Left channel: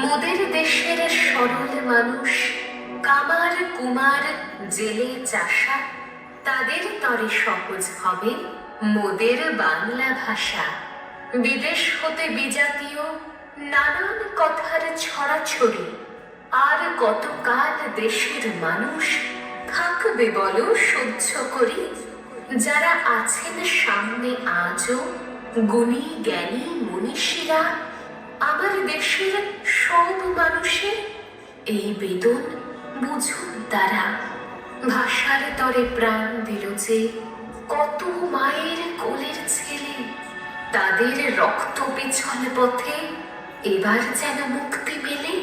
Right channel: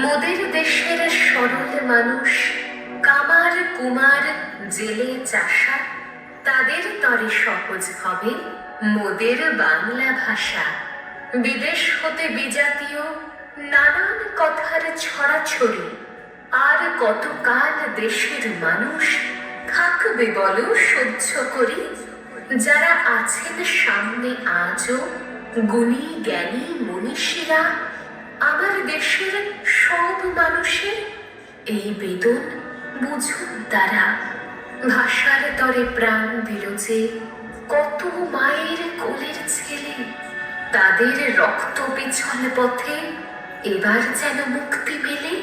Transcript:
মোদের দেশের সরল মানুষ, কামার কুমার জেলে চাষা, তাদের তরে সহজ হবে মোদের বাংলা ভাষা। বিদেশ হতে বিজাতীয় নানান কথার ছড়াছড়ি, আর কতকাল দেশের মানুষ থাকবে বলো সহ্য করি? যারা আছেন সামনে আজও গুণী জ্ঞানী মনীষীরা, আমার দেশের সব মানুষের এই বেদন বুঝুন তারা। ভাষার তরে প্রাণ দিল যে কত মায়ের কোলের ছেলে, তাদের রক্ত পিছল পথে এবার যেন মুক্তি মেলে।